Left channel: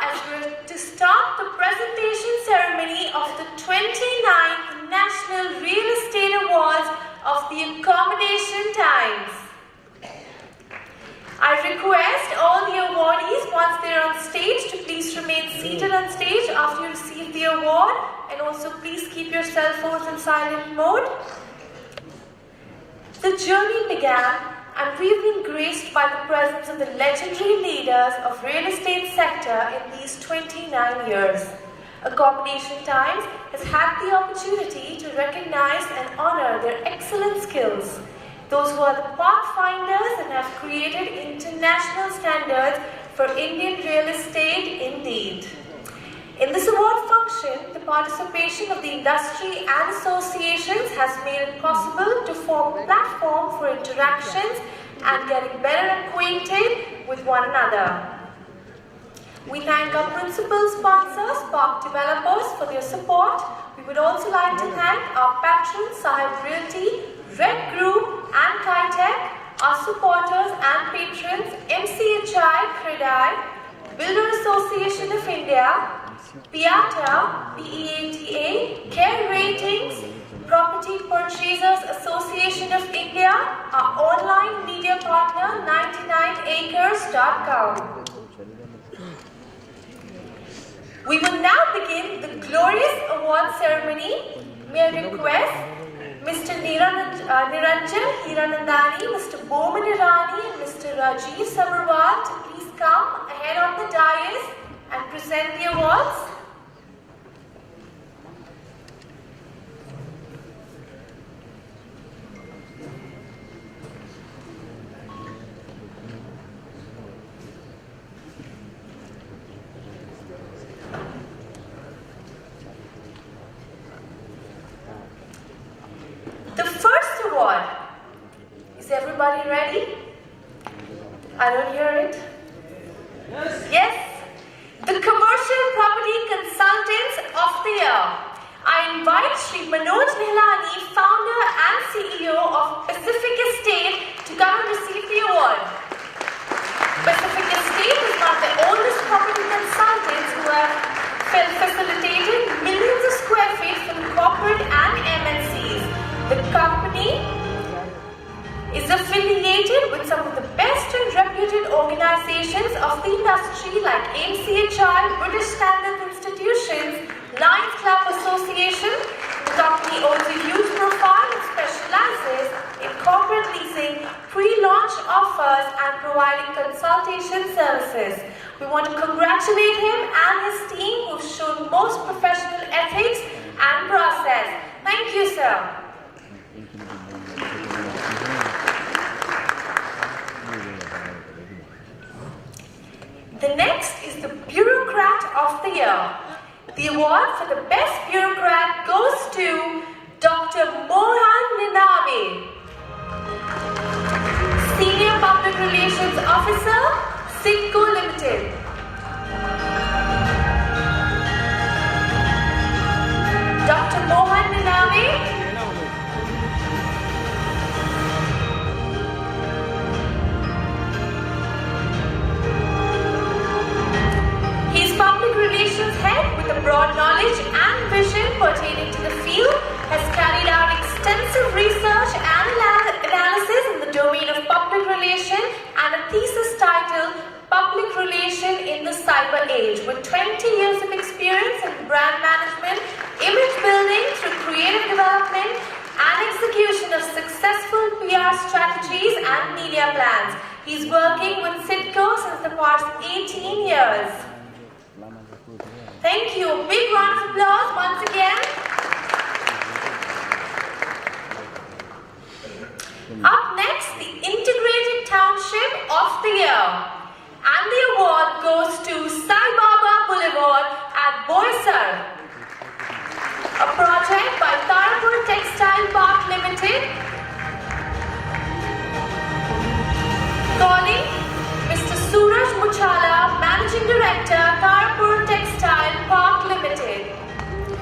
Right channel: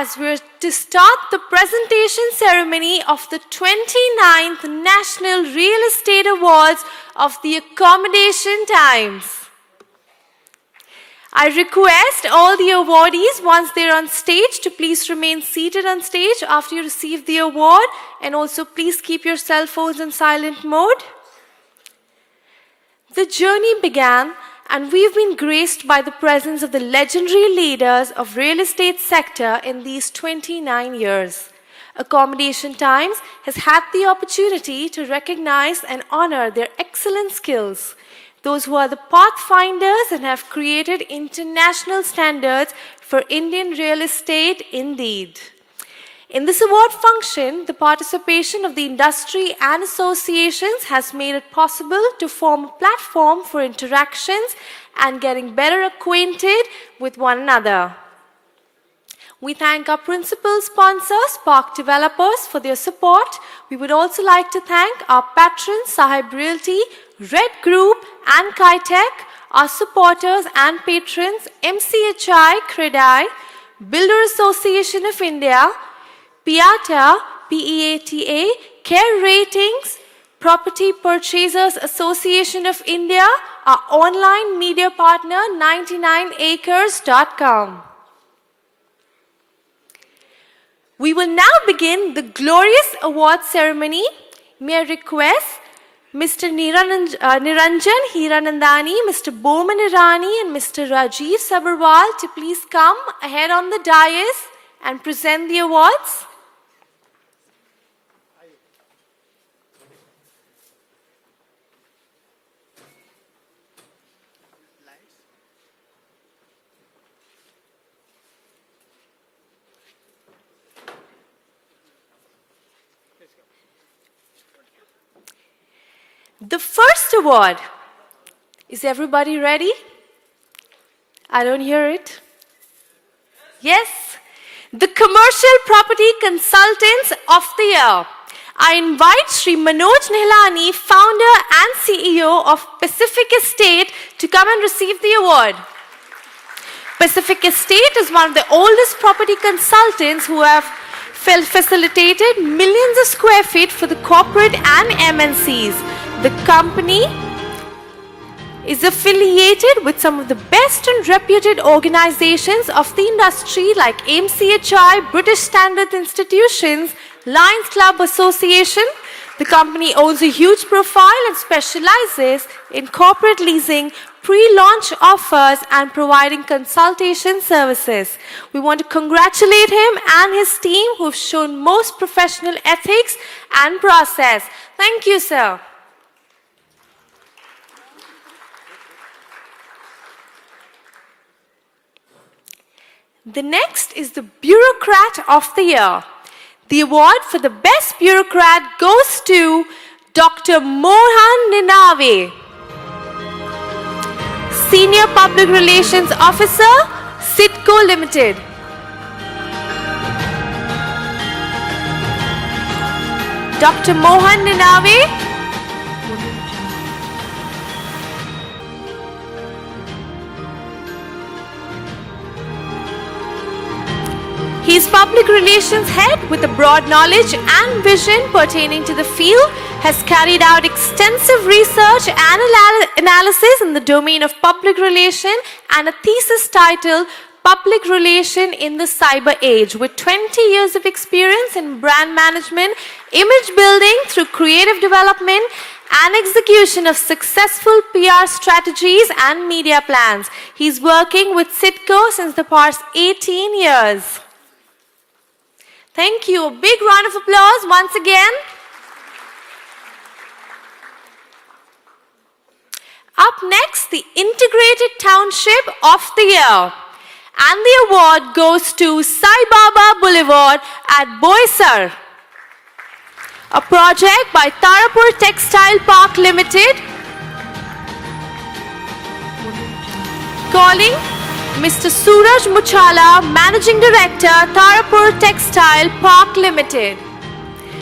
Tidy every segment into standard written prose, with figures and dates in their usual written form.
as we're to start the presentation ceremony of the 29th National Real Estate Awards of the Accommodation Times. I request all the awardees, once they're on stage, to please remain seated on stage after you receive the award, and also please keep your cell phones in silent mode. The journey began, and we've been graced by the presence of the legendary leaders of real estate sector in these 29 years. Accommodation Times has had the opportunity to recognize and honor their excellent skills, those who are the pathfinders and have created international standards for Indian real estate indeed. In this award function, the participation of the industry and associations has made it possible to form a platform for interactions and getting better acquainted with one another. We thank our principal sponsors, Park Developers, for their support. We would also like to thank our patrons, Sahib Realty, Red Group and Kitech, our supporters and patrons, MCHI, CREDAI, Builder Association of India, PIATA, PEATA, Care Ratings, Property Purchasers Association of India, our online media partner 99acres.com. We will now begin the glorious award ceremony. May I request Mr. Niranjan Hiranandani, Mr. Bowman Irani and Mr. Rajiv Sabharwal to please come ahead on the dais and present the awards. The first award. Is everybody ready? I don't hear it. Yes. The Commercial Property Consultants of the Year. I invite Sri Manoj Nihlani, founder and CEO of Pacific Estate, to come and receive the award. Pacific Estate is one of the oldest property consultants who have facilitated millions of square feet for the corporate and MNCs. The company is affiliated with some of the best and reputed organizations of the industry like MCHI, British Standards Institutions, Lions Club Association. The company owns a huge profile and specializes in corporate leasing, pre-launch offers and providing consultation services. We want to congratulate him and his team who have shown most professional ethics and process. Thank you, sir. The next is the Bureaucrat of the Year. The award for the best bureaucrat goes to Dr. Mohan Ninave, Senior Public Relations Officer, Sitco Limited. Dr. Mohan Ninave. He is Public Relations Head with a broad knowledge and vision pertaining to the field, has carried out extensive research and analysis in the domain of public relation and a thesis titled Public Relation in the Cyber Age, with 20 years of experience in brand management, image building through creative development and execution of successful PR strategies and media plans. He's working with Sitco since the past 18 years. Thank you. A big round of applause once again. Up next, the Integrated Township of the Year. And the award goes to Sai Baba Boulevard at Boisar, a project by Tarapur Textile Park Limited. Calling Mr. Suraj Muchala, Managing Director, Tarapur Textile Park Limited.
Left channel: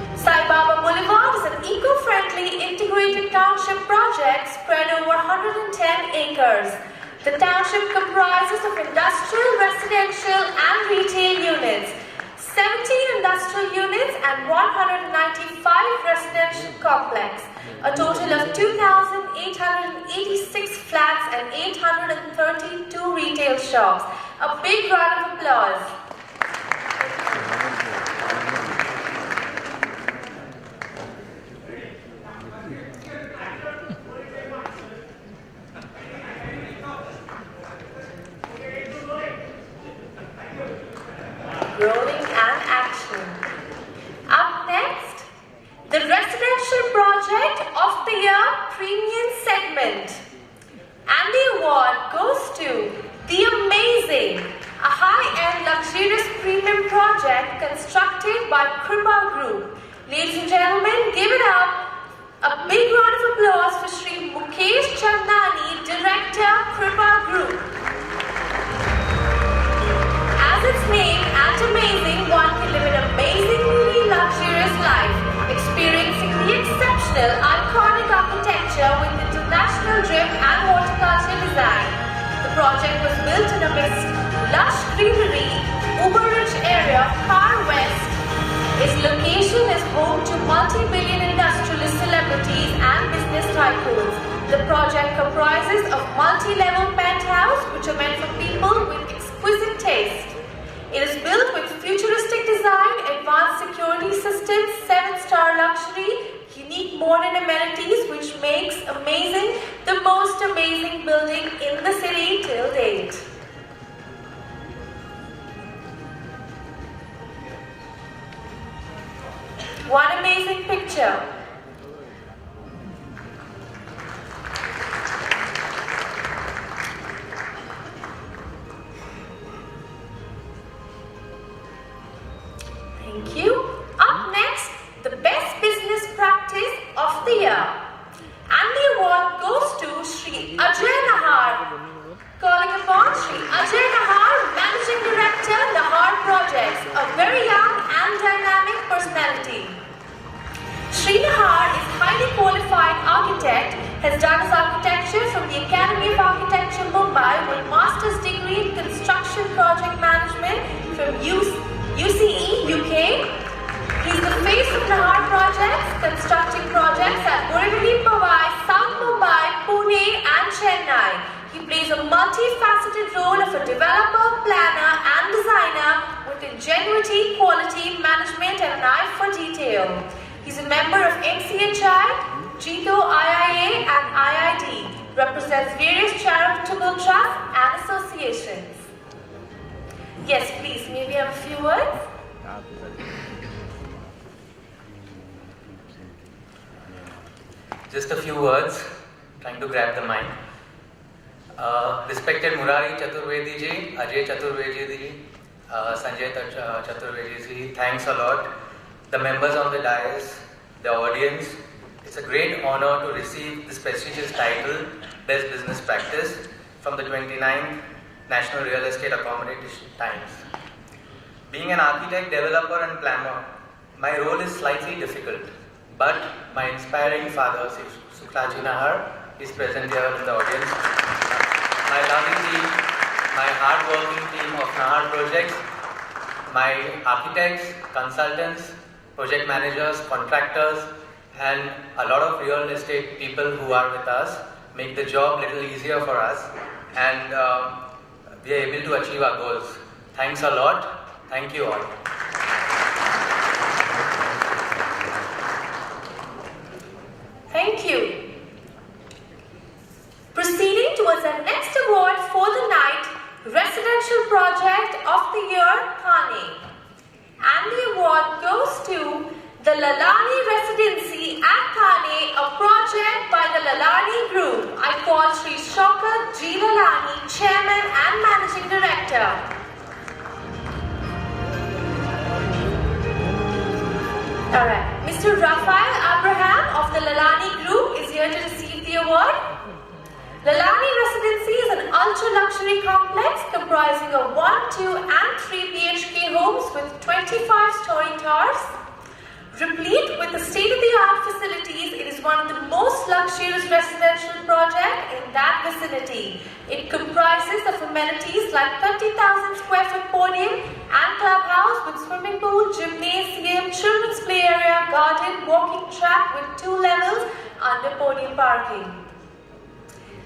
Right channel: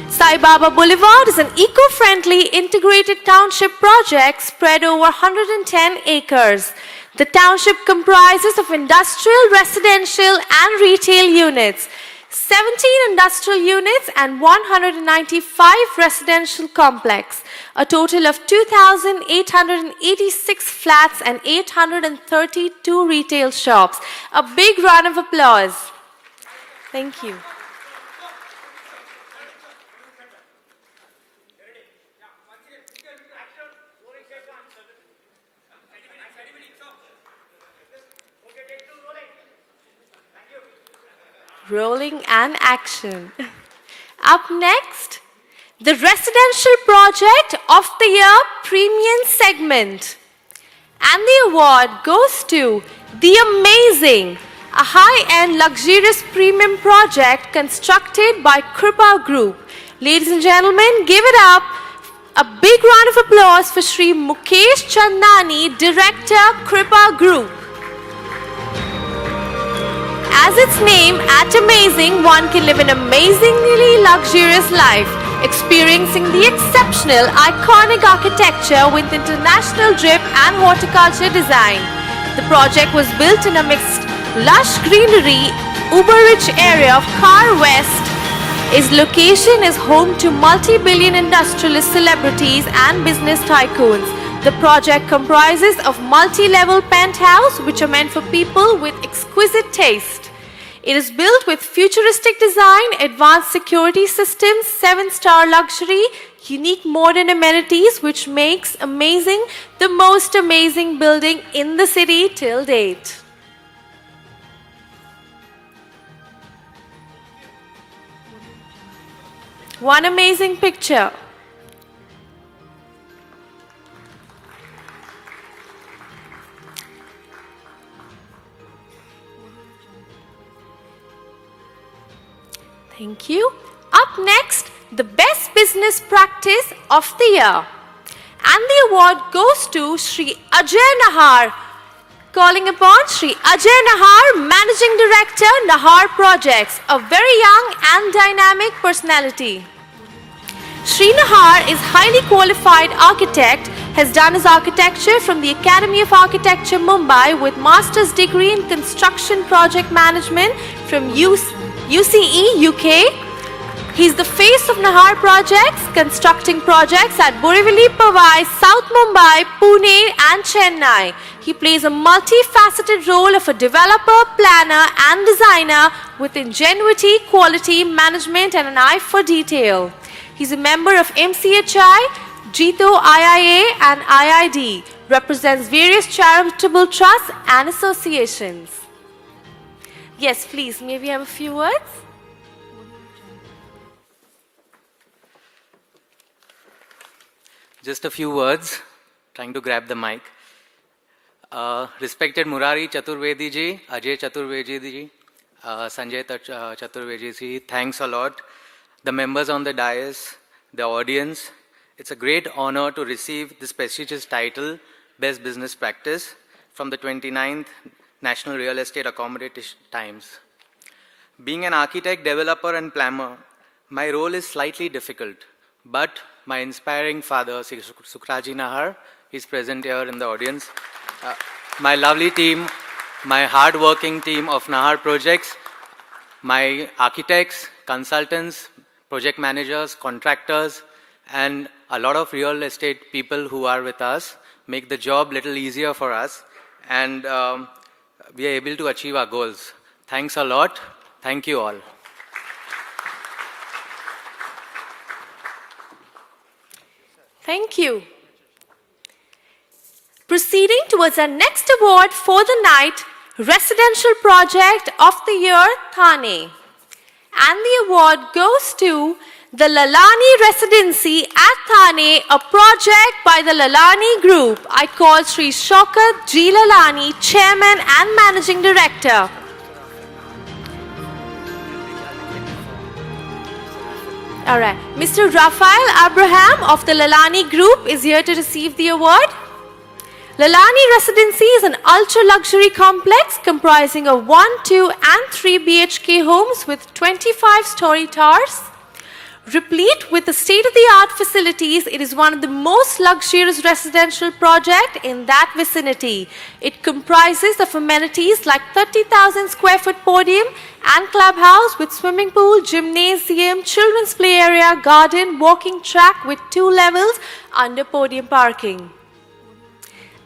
Sai Baba Boulevard is an eco-friendly integrated township project spread over 110 acres. The township comprises of industrial, residential and retail units. 17 industrial units and 195 residential complex. A total of 2,886 flats and 832 retail shops. A big round of applause. Thank you. Rolling and action. Up next, the Residential Project of the Year Premium Segment. And the award goes to The Amazing, a high-end luxurious premium project constructed by Kripa Group. Ladies and gentlemen, give it up. A big round of applause for Shri Mukesh Chandani, Director, Kripa Group. As its name, at Amazing, one can live an amazingly luxurious life, experiencing the exceptional, iconic architecture with international drip and horticulture design. The project was built in a mixed, lush greenery, uber-rich area of Car West. Its location is home to multi-billion industrialist celebrities and business tycoons. The project comprises of multi-level penthouse which are meant for people with exquisite taste. It is built with futuristic design, advanced security systems, 7-star luxury, unique modern amenities which makes Amazing the most amazing building in the city till date. One amazing picture. Thank you. Up next, the best business practice of the year. And the award goes to Shri Ajay Nahar. Calling upon Shri Ajay Nahar, Managing Director, Nahar Projects, a very young and dynamic personality. Shri Nahar is highly qualified architect, has done his architecture from the Academy of Architecture Mumbai with master's degree in construction project management from UCE, UK. He's the face of Nahar Projects, constructing projects at Borivali, Powai, South Mumbai, Pune and Chennai. He plays a multifaceted role of a developer, planner and designer with ingenuity, quality, management and an eye for detail. He's a member of MCHI, Jito IIA and IID, represents various charitable trusts and associations. Yes, please, may we have a few words? Just a few words, trying to grab the mic. Respected Murari Chaturvedi ji, Ajay Chaturvedi ji, Sanjay Chaturvedi ji, thanks a lot. The members on the dais, the audience, it's a great honor to receive this prestigious title, Best Business Practice, from the 29th National Real Estate Accommodation Times. Being an architect, developer and planner, my role is slightly difficult, but my inspiring father, Sukhraji Nahar, is present here in the audience. My lovely team, my hard-working team of Nahar Projects, my architects, consultants, project managers, contractors, and a lot of real estate people who are with us make the job a little easier for us, and we are able to achieve our goals. Thanks a lot. Thank you all. Thank you. Proceeding towards our next award for the night, Residential Project of the Year, Thane. And the award goes to the Lalani Residency at Thane, a project by the Lalani Group. I call Sri Shaukat G. Lalani, Chairman and Managing Director. Alright, Mr. Rafael Abraham of the Lalani Group is here to receive the award. Lalani Residency is an ultra-luxury complex comprising of 1, 2 and 3 BHK homes with 25-story towers. Replete with the state-of-the-art facilities, it is one of the most luxurious residential projects in that vicinity. It comprises of amenities like 30,000 square foot podium and clubhouse with swimming pool, gymnasium, children's play area, garden, walking track with 2 levels under podium parking.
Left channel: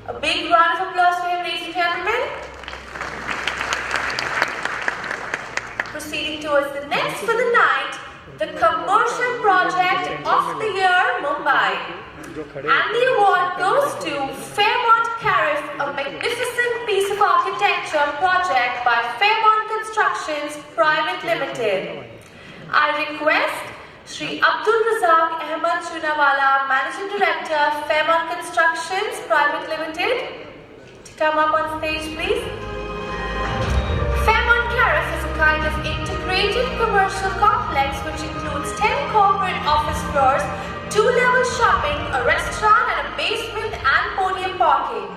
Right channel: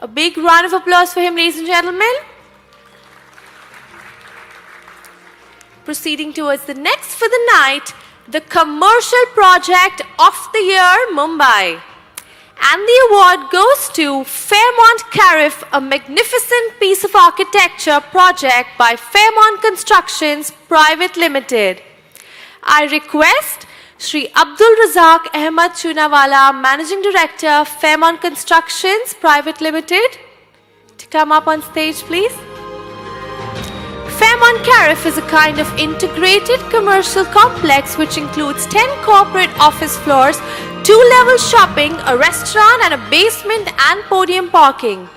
A big round of applause for him, ladies and gentlemen. Proceeding towards the next for the night, the Commercial Project of the Year, Mumbai. And the award goes to Fairmont Carif, a magnificent piece of architecture project by Fairmont Constructions Private Limited. I request Shri Abdul Razak Ahmad Chunawala, Managing Director, Fairmont Constructions Private Limited, to come up on stage, please. Fairmont Carif is a kind of integrated commercial complex which includes 10 corporate office floors, 2-level shopping, a restaurant and a basement and podium parking.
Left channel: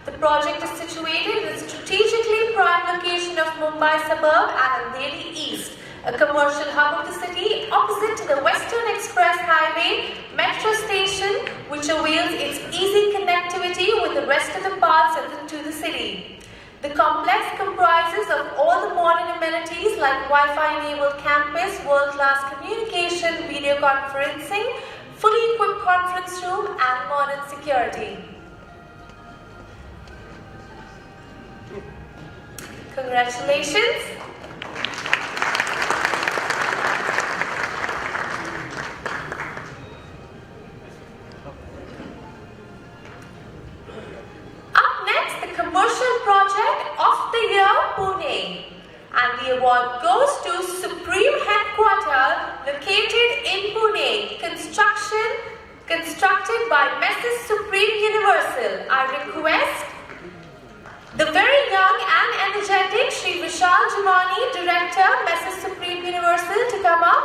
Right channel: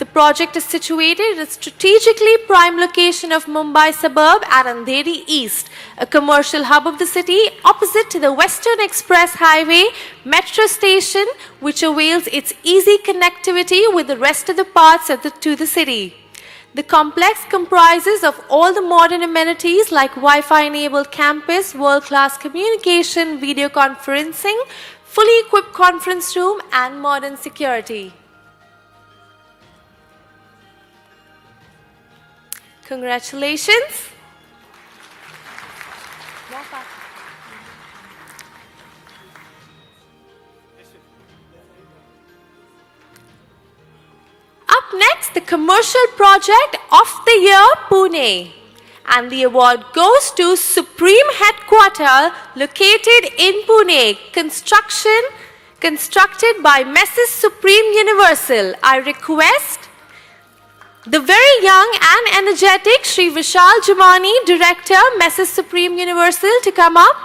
The project is situated in a strategically prime location of Mumbai suburb at Andheri East, a commercial hub of the city opposite to the Western Express Highway metro station, which avails its easy connectivity with the rest of the parts of the city. The complex comprises of all the modern amenities like Wi-Fi enabled campus, world-class communication, video conferencing, fully equipped conference room and modern security. Congratulations. Next, the Commercial Project of the Year, Pune. And the award goes to Supreme Headquarters located in Pune. Constructed by Mrs. Supreme Universal. I request the very young and energetic Shri Vishal Jamani, Director, Mrs. Supreme Universal, to come up.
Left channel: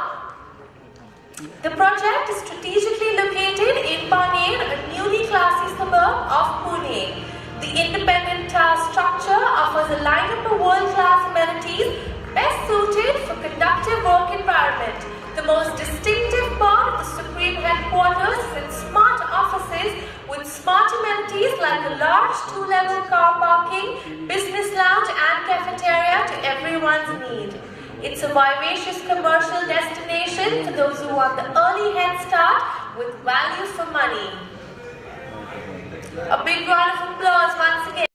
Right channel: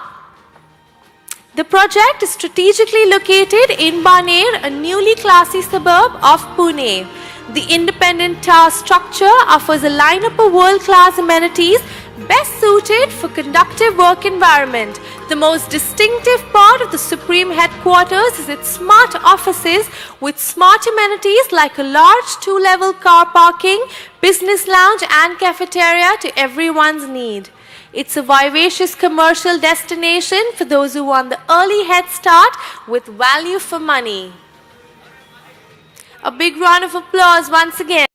The project is strategically located in Baner, a newly classy suburb of Pune. The independent tower structure offers a lineup of world-class amenities best suited for conducive work environment. The most distinctive part of the Supreme Headquarters is its smart offices with smart amenities like a large 2-level car parking, business lounge and cafeteria to everyone's need. It's a vivacious commercial destination for those who want the early head start with value for money. A big round of applause once again.